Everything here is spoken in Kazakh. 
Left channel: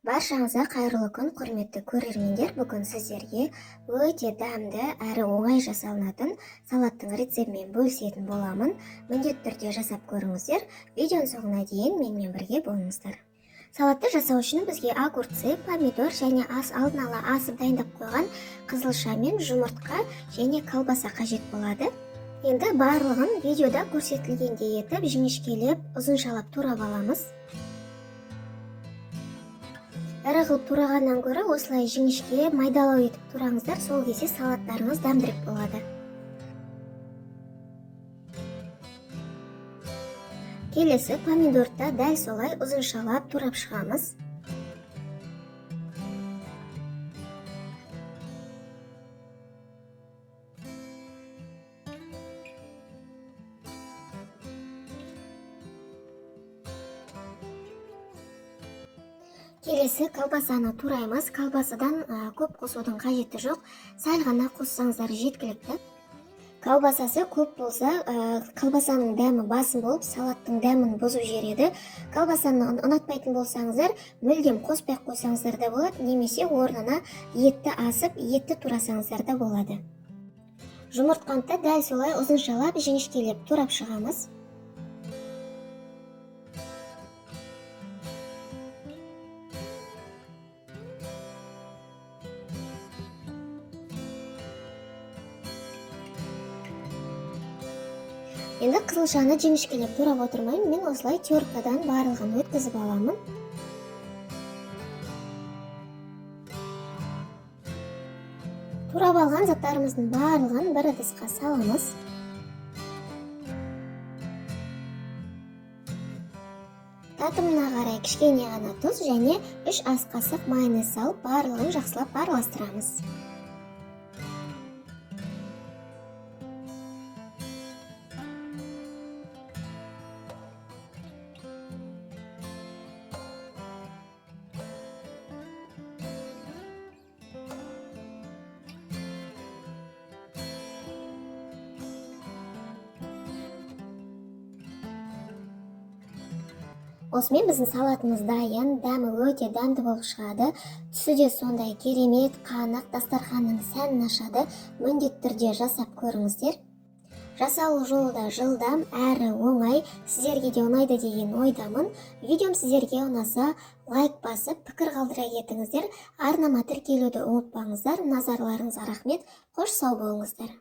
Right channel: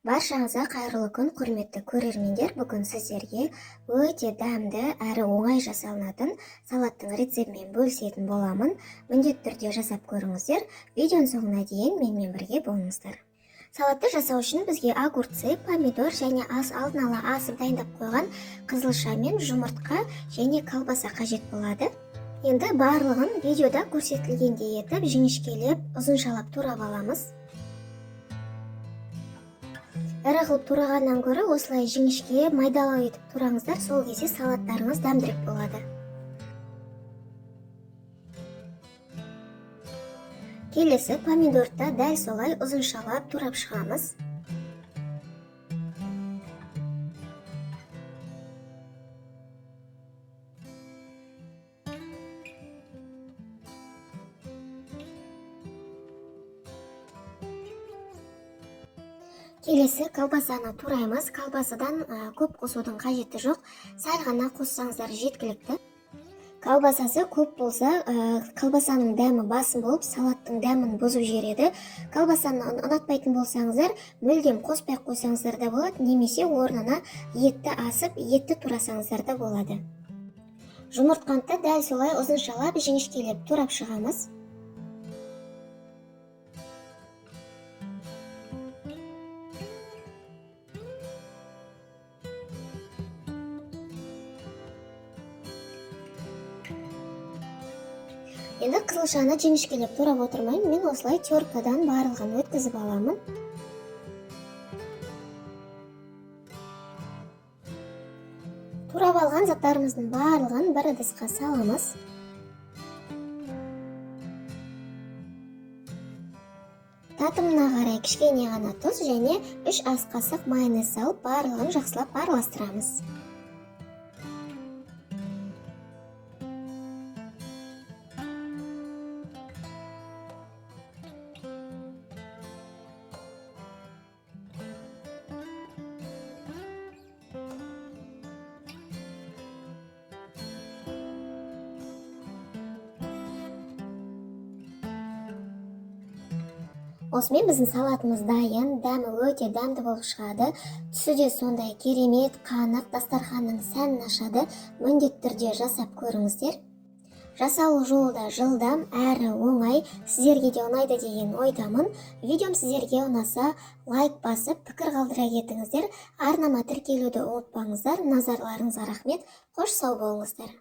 Баршаңызға қайырлы күн, құрметті көрермендер. Бүгін сіздерге өте дәмді әрі оңай жасалынатын салаттың рецептімен бөлісетін боламын. Міндетті түрде жасап көріңіздер. Видеоның соңына дейін менімен бірге болыңыздар. Салатты жасау үшін бізге огурцы, помидор және алдын ала асып дайындап қойған қызылша мен жұмыртқа және колбаса қажет болады. Енді барлығын видеода көрсетілгендей етіп, жіңішкелеп, ұзыншалап турап аламыз. Ірі қылып турағаннан гөрі осылай жіңішке майдалау етіп тураңыздар, сол кезде салаттарыңыз дәмдірек болады. Келесі помидорды дәл солай ұзыншалап турап шығамыз. Келесі колбасаны тураймыз. Колбасадан көп қосудың қажеті жоқ. Сәл ғана қоссаңыздар жеткілікті. Колбасасы көп болса, колбасаның дәмі басым болып, салаттың дәмін бұзып жібереді. Колбасаны ұнатпайтын болсаңыздар, мүлдем қоспай қойсаңыздар да болады, немесе орнына етті асып, етті турасаңыздар да болады. Жұмыртқаны дәл солай ұзыншалап, жіңішкелеп турап шығамыз. Енді қызылшаны жіңішкелеп турап отырмайын, мен осылай теркадан барлығын өткізіп аламын. Турап алған заттарымыздың барлығын бір ыдысқа саламыз. Татымына қарай кішкене ғана тұз және 3 ас қасық майонез салып, барлығын жақсылап араластырамыз. Осымен біздің салатымыз дайын, дәмі өте дәмді болып шығады. Түсі де сондай керемет, қанық, дастарханның сәнін ашады. Міндетті түрде жасап көріңіздер. Жасалу жолы да жылдам әрі оңай. Сіздерге де ұнайды деген ойдамын. Видеом сіздерге ұнаса, лайк басып, пікір қалдыра кетіңіздер. Арнама тіркелуді ұмытпаңыздар. Назарларыңызға рахмет. Қош сау болыңыздар.